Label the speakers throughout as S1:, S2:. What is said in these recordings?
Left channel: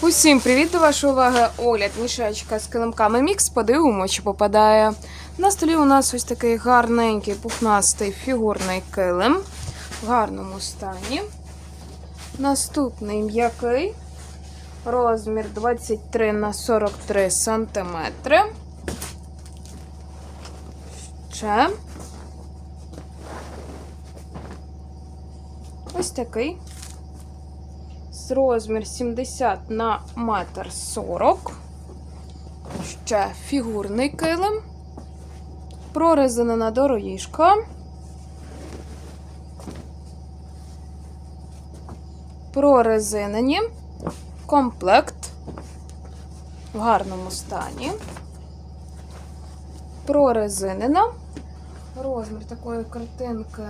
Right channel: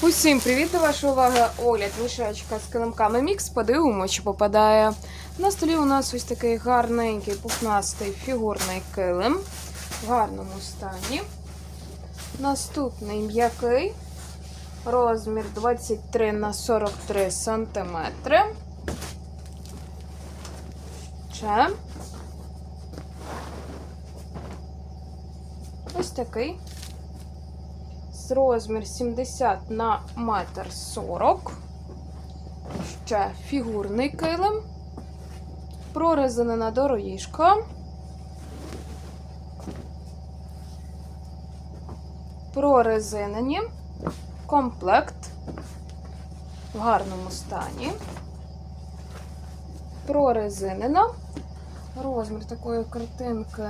S1: Усім привіт до вашої уваги. Огляд мішечка з килимками мікс. Подивимо, чи попадає. На столі у нас ось такий гарненький пухнастий фігурний килим в гарному стані. Наступний м'який. Розмір 23 на 43 сантиметри. Ще. Ось такий з розмір 70 на метр 40. Ще фігурний килим. Прорезинена дорожка. Прорезинені. Комплект в гарному стані. Прорезинена. Розмір такої картинки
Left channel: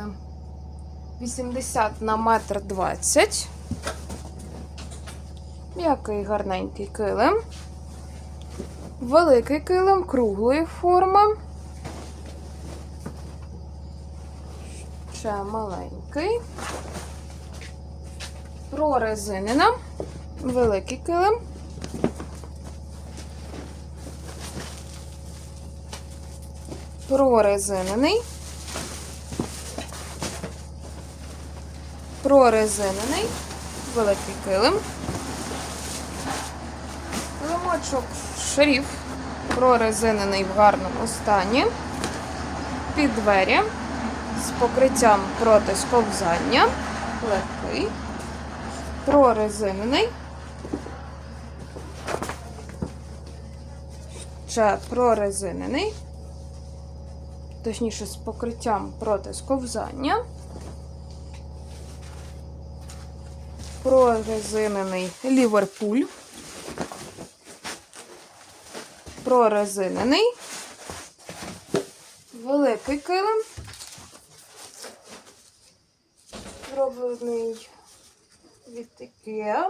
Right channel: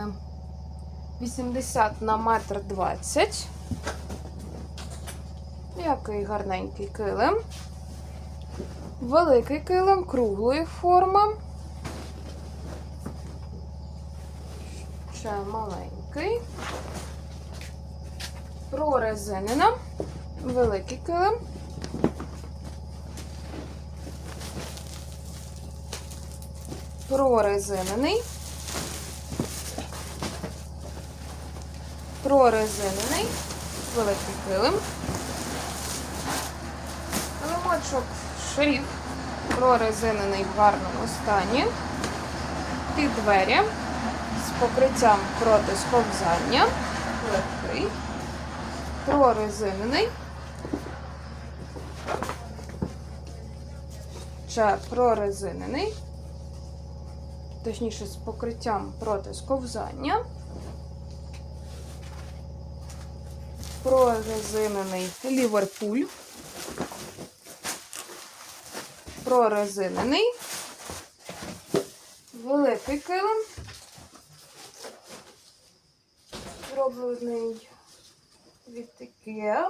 S1: 80 на метр 20. Який гарненький килим. Великий килим круглої форми. Ще маленький. Прорезинена. Великий килим. Прорезинений. Прорезинений. Великий килим. Ломочок шриф прорезинений в гарному стані. Під двері з покриттям проти сковзання. Легкий. Прорезинений. Ще прорезинений. Точніше, з покриттям проти сковзання. Прорезинений Ліверпуль. Прорезинений. Великий килим. Зроблений від Ikea.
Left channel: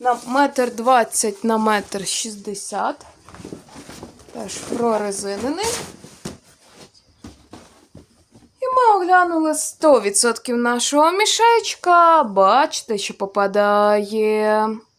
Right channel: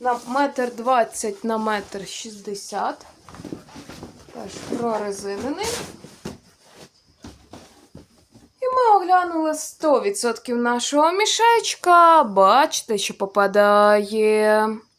S1: На метр двадцять на метр шістдесят. Теж прорезинений. І ми оглянули 100% нашого мішечка. Бачите, що попадає.